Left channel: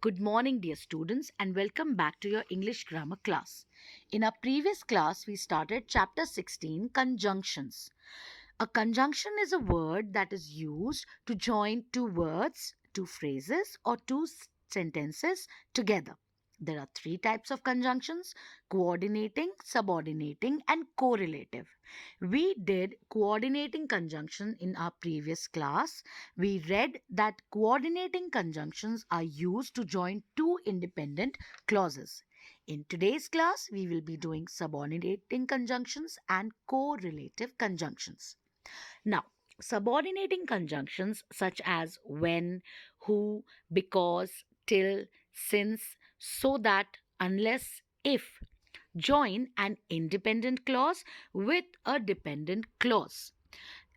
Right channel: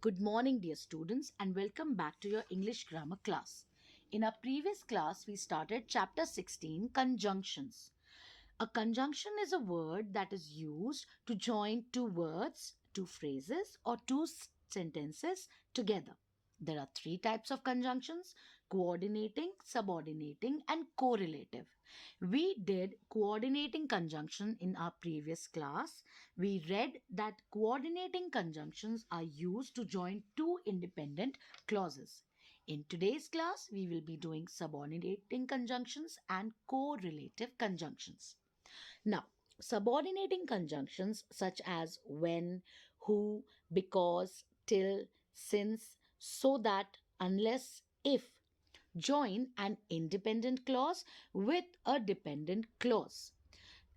Good morning, dear students, and welcome back to your English grammar class. In our previous class, we started chapter 16, conjunctions. A conjunction is a word that is used to join two words, two phrases, or two sentences together. There are three types of conjunctions: coordinating, subordinating, and correlative. We did coordinating conjunction in our previous class. We read that coordinating conjunctions are used to join two independent clauses. In today's class, we will be doing subordinating conjunctions and correlative conjunctions. Now, subordinating conjunctions such as when, who, because, till, since, so that, unless, if join an independent clause with a dependent clause.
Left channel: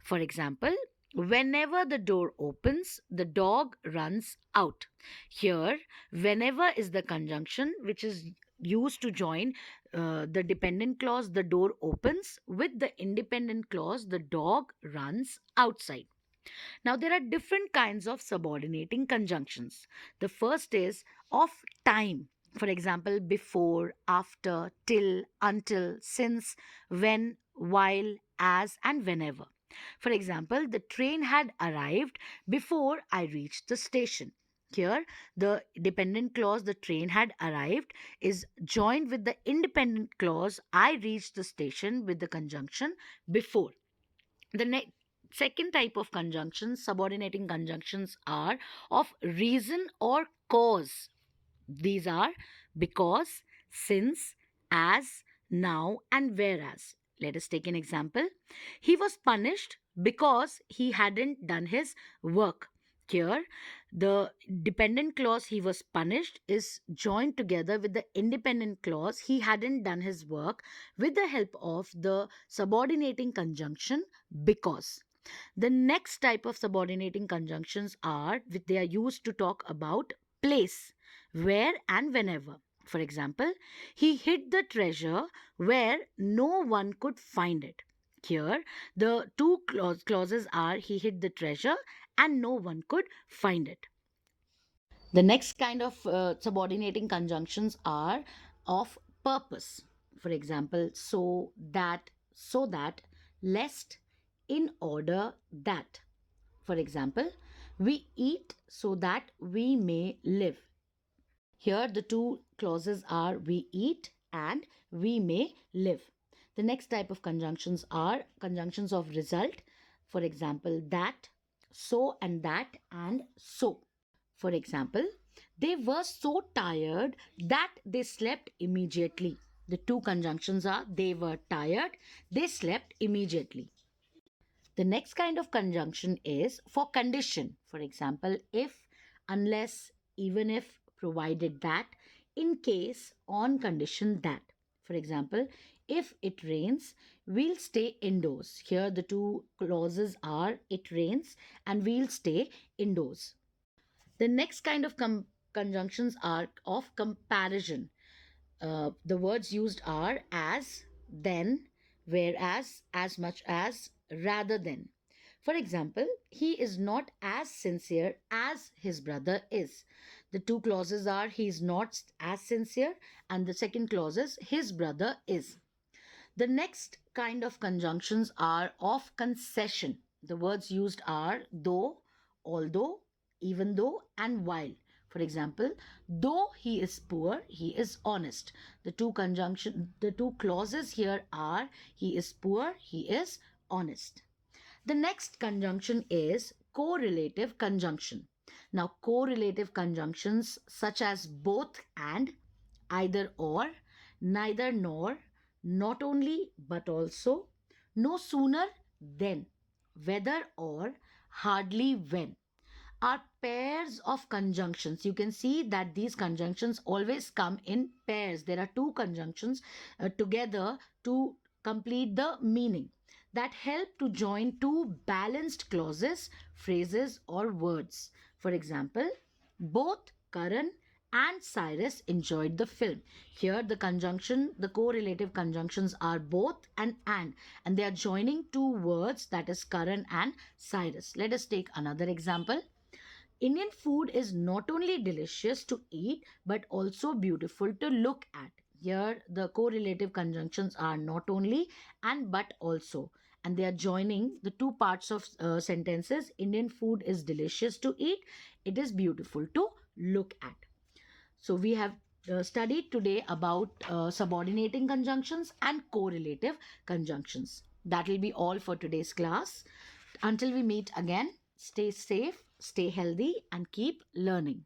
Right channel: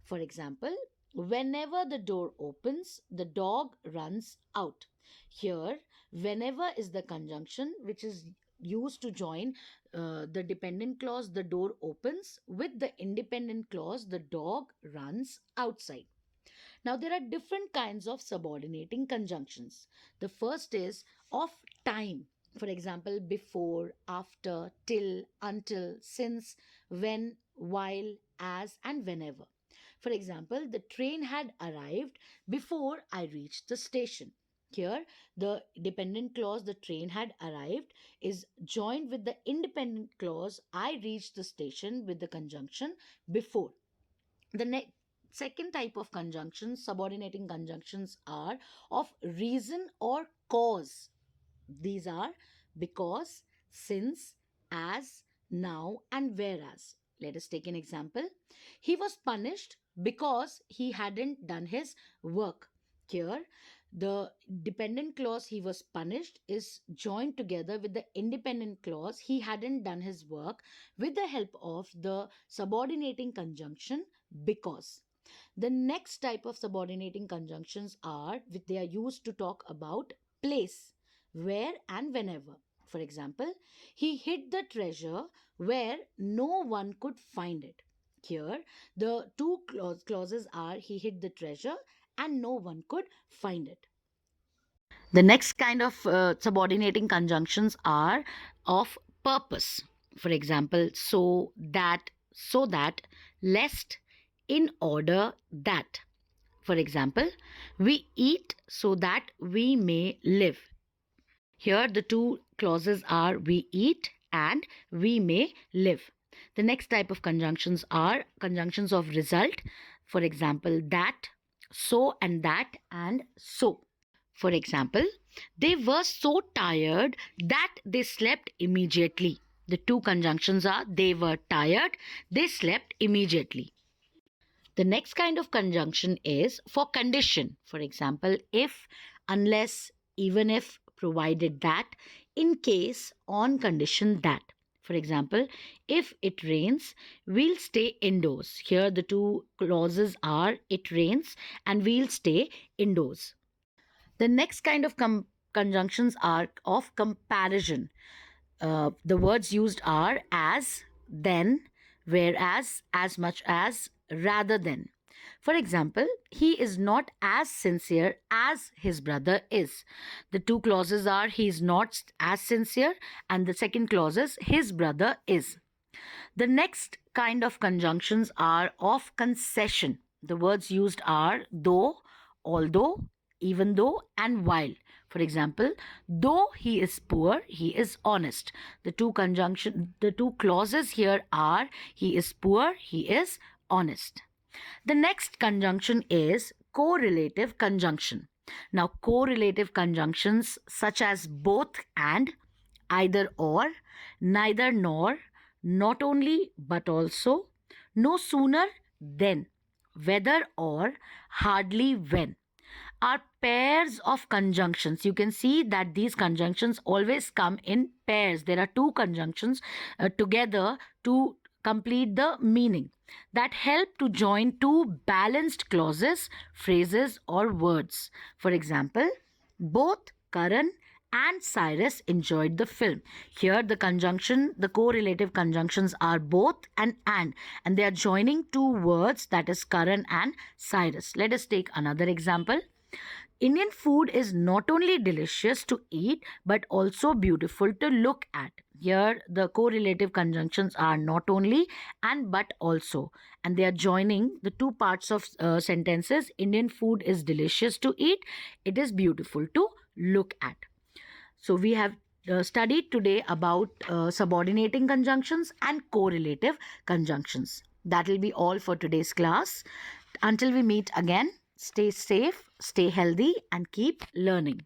For example, whenever the door opens, the dog runs out. Here, whenever is the conjunction which is used to join the dependent clause, the door opens, with the independent clause, the dog runs outside. Now, there are different kinds of subordinating conjunctions. The first is of time. For example, before, after, till, until, since, when, while, as, and whenever. For example, the train had arrived before I reached the station. Here, the dependent clause, the train had arrived, is joined with the independent clause, I reached the station, with the conjunction before. The second type of conjunctions, subordinating conjunctions, are of reason or cause. These are because, since, as, now, and whereas. Let us take an example. He was punished because he hadn't done his work. Here, the dependent clause he was punished is joined together with the independent clause he hadn't done his work with the help of the subordinating conjunction because. The next type of subordinating conjunctions are they are used to talk about place, where and whenever. For example, he hid the treasure where no one could find it. Here, the two clauses are he hid the treasure and no one could find it. The next kind of subordinating conjunctions are of purpose. For example, so that, lest, in order that. For example, we eat so that we may live. Here, the two clauses are we eat and we may live. The next type of conjunctions are conjunctions of result. For example, that, and so. For example, they were so tired that they slept immediately. The two conjunctions are they were tired, they slept immediately. The next kind of conjunction is for condition. For example, if, unless, even if, provided that, in case, on condition that. For example, if it rains, we'll stay indoors. Here, the two clauses are it rains and we'll stay indoors. The next kind of conjunctions are of comparison. The words used are as, then, whereas, as much as, rather than. For example, he is not as sincere as his brother is. The two clauses are he is not as sincere, and the second clause is his brother is. The next kind of conjunctions are of concession. The words used are though, although, even though, and while. For example, though he is poor, he is honest. The two clauses here are he is poor, he is honest. The next conjunction is correlative conjunction. Now, correlative conjunctions such as both and, either or, neither nor, not only but also, no sooner than, whether or, hardly when, are pairs of conjunctions. You can see that these conjunctions always come in pairs. There are two conjunctions together to complete the meaning that help to join two balanced clauses, phrases, or words. For example, both Karan and Cyrus enjoyed the film. Here, the correlative conjunctions are both and they are joining two words, that is Karan and Cyrus. Let us take another example. Indian food is not only delicious to eat but also beautiful to look at. Here, the correlative conjunctions are not only and but also, and they are joining the two parts of sentences. Indian food is delicious to eat, it is beautiful to look at. So, we have studied today about subordinating conjunctions and correlative conjunctions. That will be all for today's class. Until we meet again, stay safe, stay healthy, and keep learning.